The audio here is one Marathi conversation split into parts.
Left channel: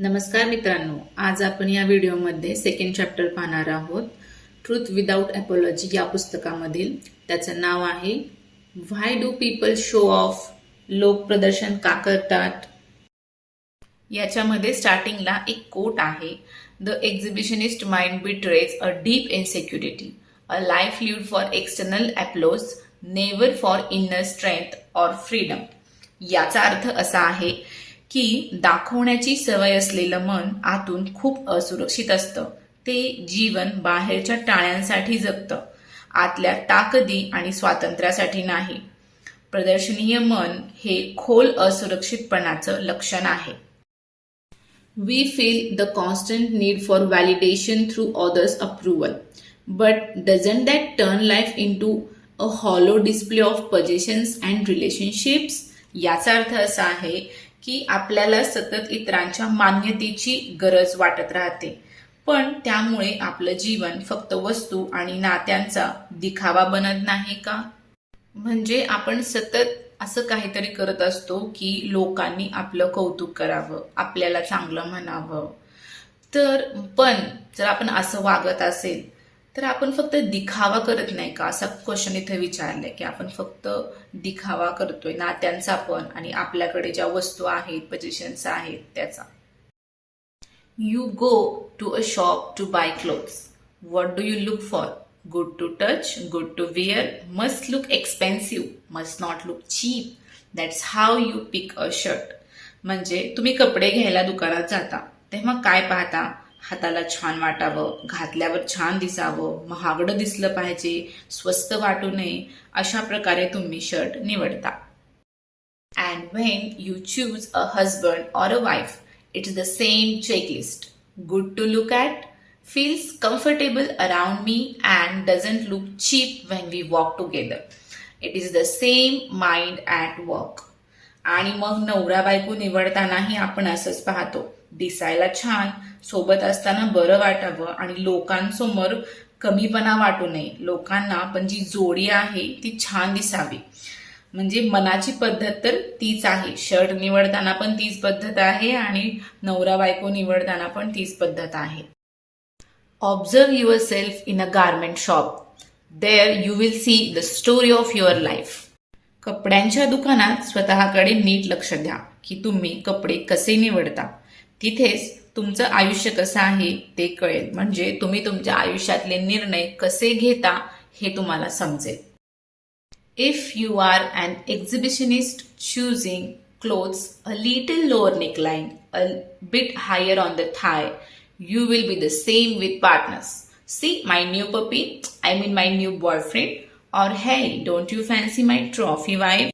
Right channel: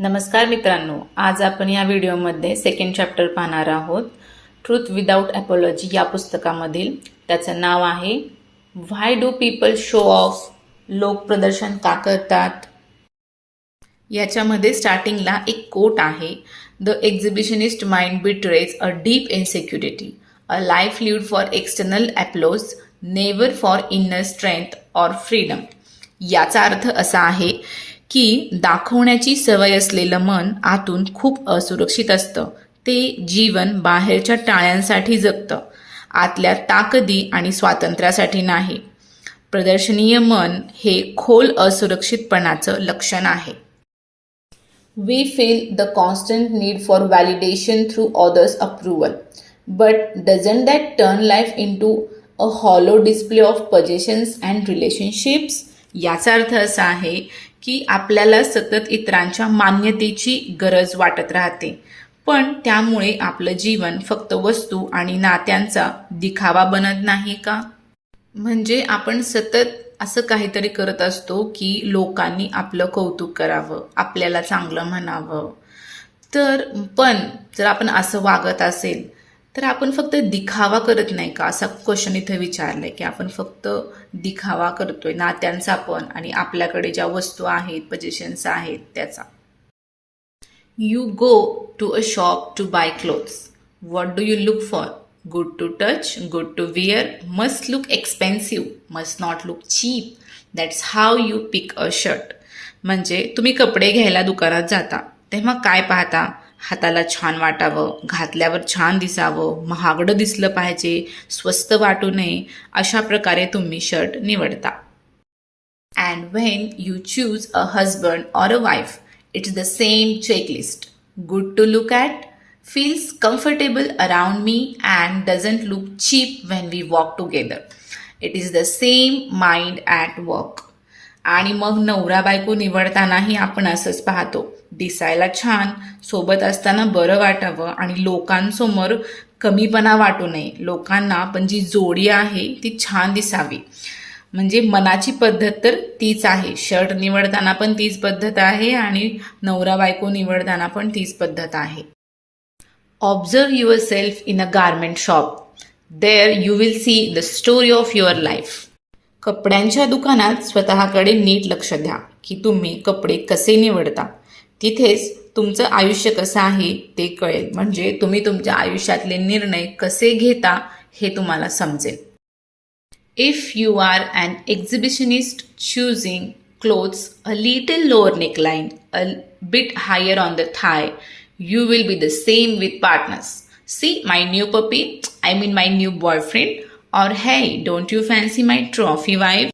नमस्कार मित्रांनो, आज आपण या व्हिडिओमध्ये सेकंड चॅप्टर पाहणार आहोत. ट्रूथ विदाउट अपॉलॉजी या पुस्तकामधील त्याचं नाव आहे why do people show off. लोक प्रदर्शन का करतात. याच्यामध्ये स्टार्टिंगला एक कोट आहे. The exhibitionist mind betrays a deep insecurity, a life lived for external applause, never for inner strength or freedom. याचा अर्थ असा आहे की दाखवण्याची सवय असलेलं मन आतून खूप असुरक्षित असतं. ते जीवन बाहेरच्या टाळ्यांसाठी जगतं, आतल्या ताकदी आणि स्वातंत्र्यासाठी नाही. प्रदर्शनीय मन हे खोल असुरक्षितपणाचं लक्षण आहे. We feel the constant need for validation through others' approval. But doesn't that turn life into a hollow display of possessions and relationships? याचा अर्थ असा आहे की आपल्याला सतत इतरांच्या मान्यतेची गरज वाटत राहते, पण त्यामुळे आपलं जीवन फक्त वस्तू आणि नात्यांचा दिखावा बनत नाही का? म्हणजे आपण सतत असं काहीतरी करत असतो की लोकांनी आपलं कौतुक करावं, आपल्याला चांगलं म्हणावं. पण जर आपण असं वागत असेल तर आपण फक्त दिखावा करत नाही का, असा क्वेश्चन इथे विचारलाय की आपण फक्त दिखावा करतोय नात्यांचा पण आणि आपल्याकडे ज्या वस्तू आहेत, पोझिशन्स आहेत त्याचा. You go to a shop to buy clothes. What do you look for? Good to touch, good to wear, must look expensive, must not look cheap. That's how you pick a shirt. म्हणजे तुम्ही कपडे घ्यायला दुकानात जाता तेव्हा काय पाहता? हाताला छान वाटावं, घातल्यावर छान दिसावं, महागडं दिसलं पाहिजे, स्वस्त वाटू नये, अशा प्रकारे तुम्ही शर्ट निवडता. And when you choose a husband or a wife, it's the same checklist. Good to look at, feels comfortable around me and doesn't look cheap when we walk together. It is the same mind at work. आणि मग नवरा बायको निवडतानाही आपण असंच पाहतो. दिसायला छान, सोबत असताना बरं वाटावं आणि लोकांसमोर कमीपणा वाटू नये. लोकांना आपण जी जोडी आहे ती छान दिसावी. म्हणजे मनाची पद्धत तर तीच आहे. शर्ट निवडताना पण तीच पद्धत आहे आणि नवरा बायको निवडताना पण तीच पद्धत आहे. Observe yourself in a garment shop. There you will see the story of your life. कपड्यांच्या दुकानात स्वतःकडे नीट लक्ष द्या की तुम्ही कपडे कसे निवडता. तिथेच तुमचं आयुष्य कसं आहे ते कळेल. म्हणजे तुम्ही तुमच्या आयुष्यातले निर्णय कसे घेता हे तुम्हाला समजेल. If you are an exhibitionist choosing clothes a little lower neckline, a bit higher on the thigh, you will be the same with partners. See my new puppy, I mean my new boyfriend, or hey, don't you fancy my trophy wife?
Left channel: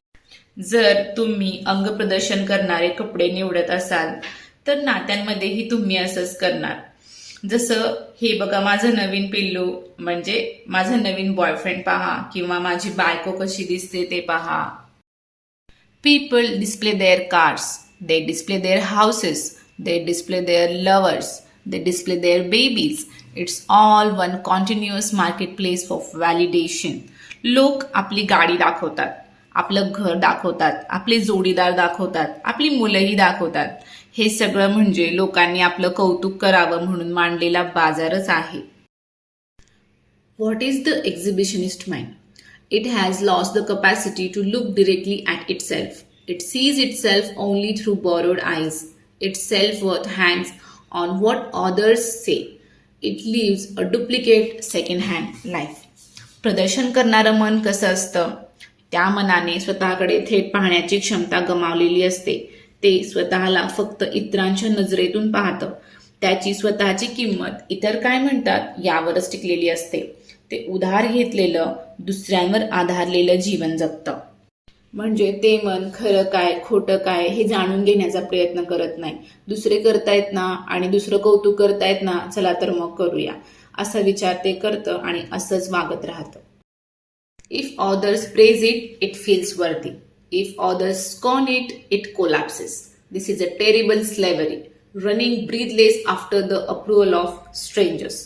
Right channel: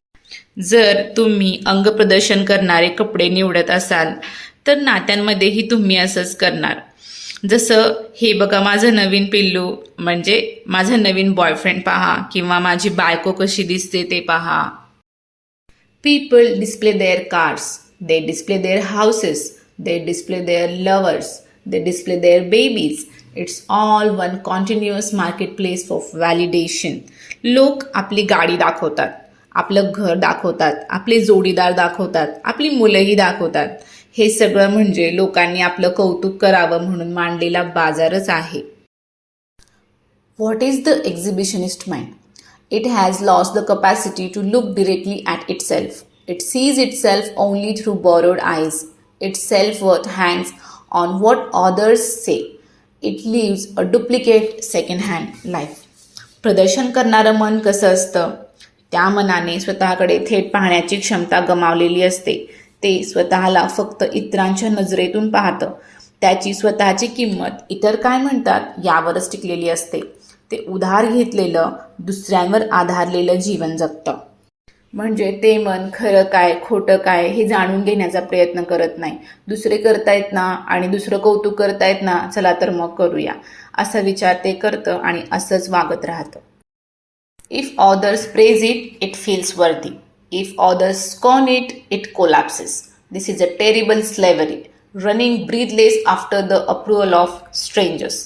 जर तुम्ही अंगप्रदर्शन करणारे कपडे निवडत असाल तर नात्यांमध्येही तुम्ही असंच करणार. जसं हे बघा माझं नवीन पिल्लू, म्हणजे माझा नवीन बॉयफ्रेंड पहा, किंवा माझी बायको कशी दिसते ते पहा. People display their cars, they display their houses, they display their lovers, they display their babies. It's all one continuous marketplace of validation. लोक आपली गाडी दाखवतात, आपलं घर दाखवतात, आपले जोडीदार दाखवतात, आपली मुलंही दाखवतात. हे सगळं म्हणजे लोकांनी आपलं कौतुक करावं म्हणून मांडलेला बाजारच आहे. What is the exhibitionist mind? It has lost the capacity to look directly at itself. It sees itself only through borrowed eyes. Its self-worth hangs on what others say. It lives a duplicate second-hand life. प्रदर्शन करणारं मन कसं असतं? त्या मनाने स्वतःकडे थेट पाहण्याची क्षमता गमावलेली असते. ते स्वतःला फक्त इतरांच्या नजरेतून पाहतं. त्याची स्वतःची किंमत इतर काय म्हणतात यावरच टिकलेली असते. ते उधार घेतलेलं, दुसऱ्यांवर आधारलेलं जीवन जगतं. म्हणजे ते मन खरं काय खोटं काय हे जाणून घेण्याचा प्रयत्न करत नाही. दुसरे करतायत ना आणि दुसरं कौतुक करतायत ना, चला तर मग करूया, असा विचार ते करतं आणि असंच वागत राहतं. If others praise it, it feels worthy. If others scorn it, it collapses. This is a terrible slavery, running breathless after the approval of strangers.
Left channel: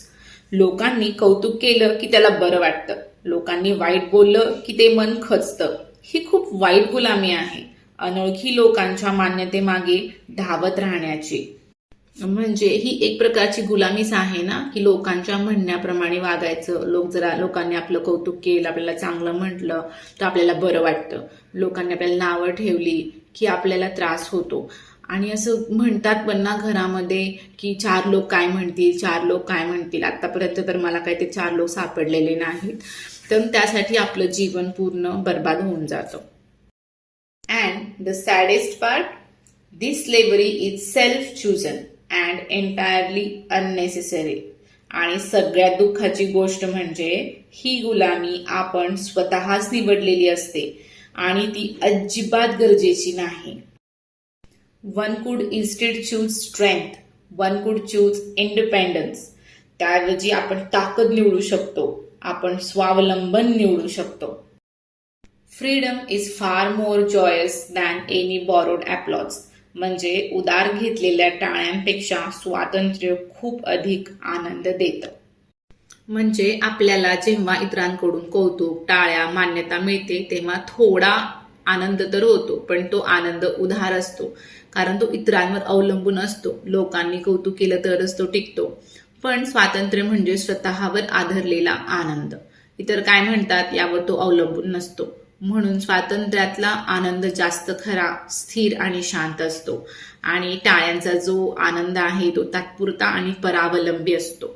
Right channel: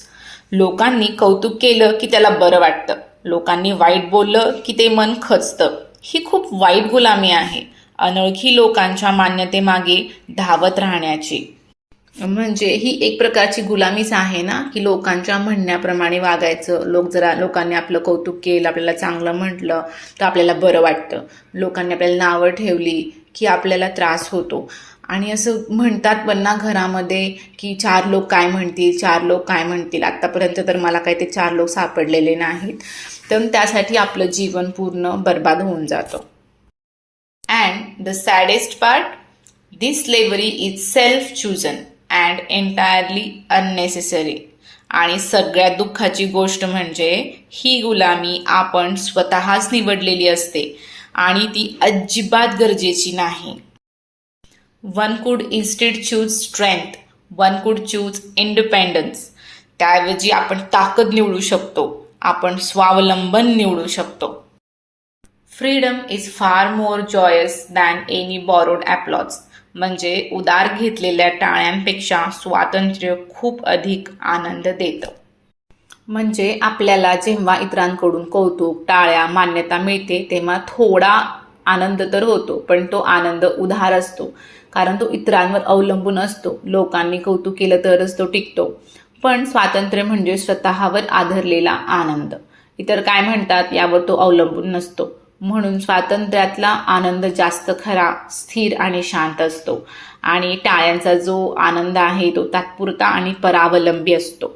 लोकांनी कौतुक केलं की त्याला बरं वाटतं, लोकांनी वाईट बोललं की ते मन खचतं. ही खूप वाईट गुलामी आहे, अनोळखी लोकांच्या मान्यतेमागे धावत राहण्याची. म्हणजे ही एक प्रकारची गुलामीच आहे ना, की लोकांच्या म्हणण्याप्रमाणे वागायचं. लोकांनी आपलं कौतुक केलं, आपल्याला चांगलं म्हटलं तर आपल्याला बरं वाटतं. लोकांनी आपल्याला नावं ठेवली की आपल्याला त्रास होतो. आणि असं म्हणतात पण ना घरामध्ये, की 4 लोक काय म्हणतील, 4 लोक काय म्हणतील. आत्तापर्यंत तर मला काही ते 4 लोक सापडलेले नाहीत. तर त्यासाठी आपलं जीवन पूर्ण बरबाद होऊन जातं. And the सॅडेस्ट part, this slavery is self chosen and entirely unnecessary. आणि सगळ्यात दुःखाची गोष्ट म्हणजे ही गुलामी आपण स्वतःच निवडलेली असते आणि ती अजिबात गरजेची नाही. वन कुड इन्स्टेड चूज स्ट्रेंथ, वन कुड चूज इंडिपेंडन्स. त्याऐवजी आपण ताकद निवडू शकतो, आपण स्वावलंबन निवडू शकतो. Freedom is far more joyous than any borrowed applause. म्हणजे उधार घेतलेल्या टाळ्यांपेक्षा स्वातंत्र्य खूप अधिक आनंद देतं. म्हणजे आपल्याला जेव्हा इतरांकडून कौतुक, टाळ्या, मान्यता मिळते तेव्हा थोडा आनंद तर होतो, पण तो आनंद उधार असतो, कारण तो इतरांवर अवलंबून असतो. लोकांनी कौतुक केलं तरच तो टिकतो. पण स्वातंत्र्य म्हणजे स्वतःवर आधारलेला आनंद. इतर काय म्हणतात यावर तो अवलंबून नसतो. म्हणून स्वातंत्र्यातला आनंद जास्त खरा, स्थिर आणि शांत असतो. आणि टाळ्यांचा जो आनंद आहे तो तात्पुरता आणि परावलंबी असतो.